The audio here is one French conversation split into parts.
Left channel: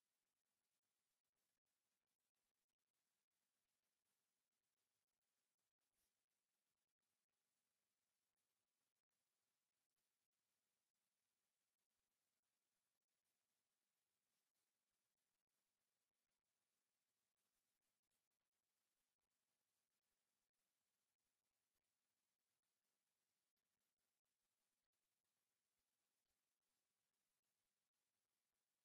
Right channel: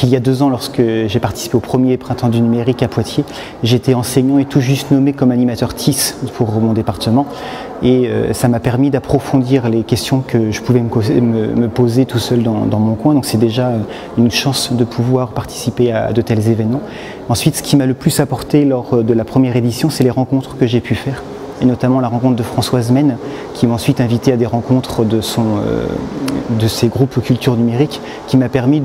Il y a 2 ans, lorsque j'ai participé au premier Printemps du numérique à Poitiers, j'étais enseignant et tout juste nommé comme animateur TIS pour mon département. Et ça m'a permis d'approfondir les questions que je pouvais me poser tout seul dans mon coin. Donc c'est déjà une chance de pouvoir participer à de tels événements. Ensuite, ce qui m'a le plus apporté lors de la première édition, c'est les rencontres que j'ai pu faire. Et notamment la rencontre de Françoise Mène, qui m'a ensuite invité à des rencontres de ses groupes culture numérique, qui m'a permis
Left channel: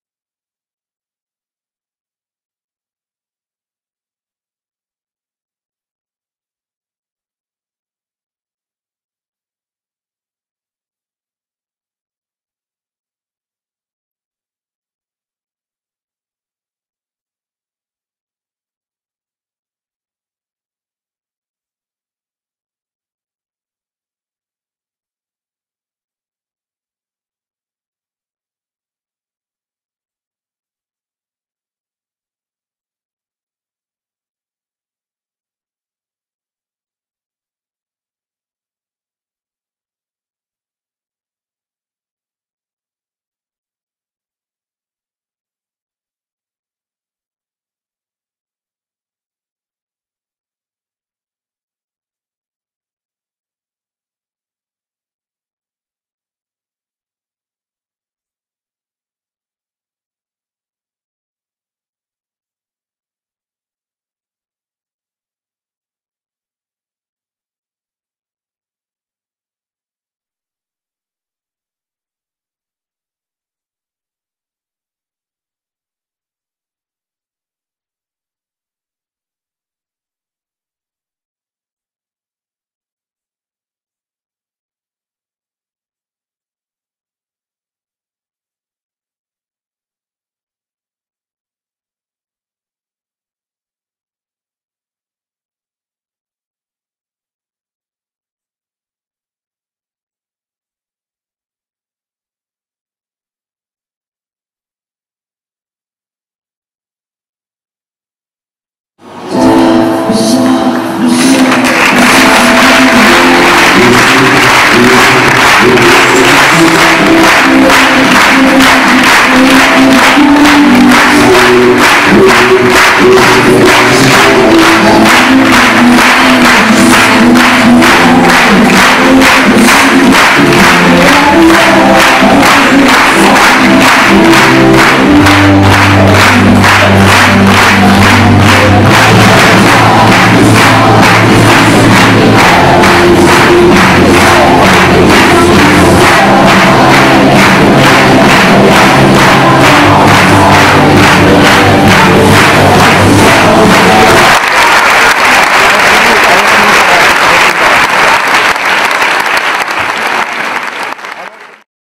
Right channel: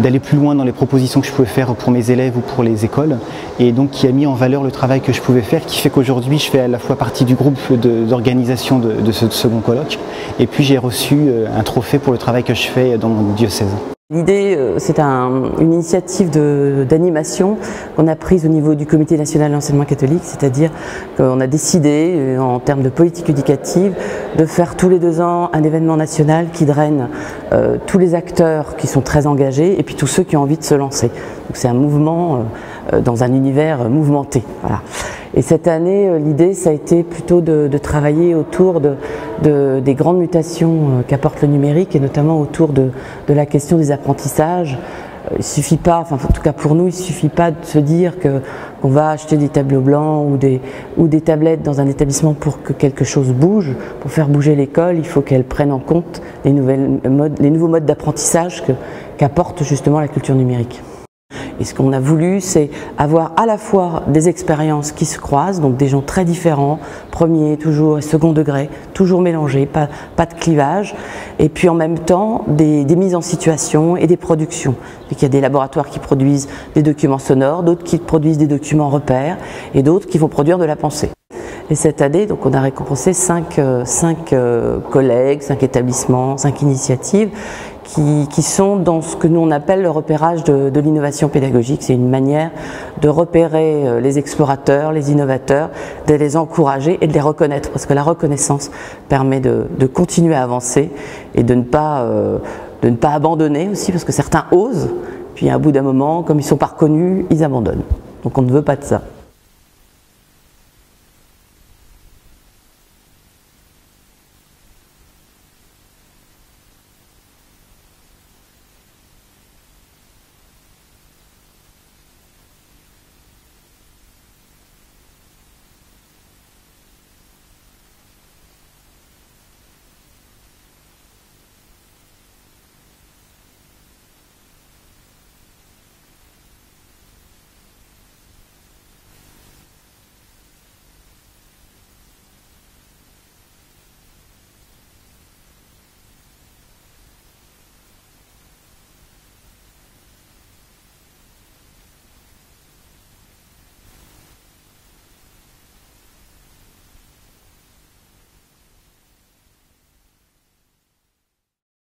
d'aller plus loin dans les propositions que je pouvais faire pour mes élèves ou pour les écoles, et donc qui a mis en valeur le travail que je pouvais faire, qui fait qu'aujourd'hui je fais à la fois partie du groupe d'organisation de ce second colloque, et puis j'ai reçu un trophée pour le travail que je fais dans mon diocèse. L'idée, c'est une initiative d'animation qu'on a prise au niveau du Comité national de l'enseignement catholique, c'est-à-dire qu'on a décidé, en termes de politique éducative, de faire tous les 2 ans un événement national qui draine tous les acteurs qui sont très engagés et puis tous ceux qui ont envie de se lancer. Donc c'est un mouvement dans un univers mouvementé. Voilà. Et cette année, l'idée, ça a été plutôt de travailler autour des grandes mutations qu'apporte le numérique et notamment autour de la question des apprentissages. Il ne suffit pas, enfin en tout cas pour nous, il ne suffit pas de se dire qu'on va acheter des tableaux blancs ou des tablettes dans un établissement pour que quelque chose bouge. Pour faire bouger l'école, il faut qu'elle prenne en compte les nouveaux modes d'apprentissage qu'apporte justement la culture numérique. Et ce qu'on a voulu, c'est avoir à la fois des expériences qui se croisent, donc des gens très différents, premier, toujours et second degré, toujours mélangés, pas de clivage, et puis en même temps des mises en situation et des productions. Donc il y a des laboratoires qui produisent des documents sonores, d'autres qui produisent des documents repères, et d'autres qui vont produire de la pensée. Et cette année, donc, on a récompensé 5 collègues, 5 établissements, 5 initiatives qui sont dans ce que nous on appelle le repérage de l'innovation pédagogique. C'est une manière de repérer les explorateurs, les innovateurs, de les encourager et de les reconnaître, parce que la reconnaissance permet de continuer à avancer et de ne pas abandonner aussi, parce que certains osent, puis à bout d'un moment, comme ils ne sont pas reconnus, ils abandonnent. Donc on ne veut pas de ça.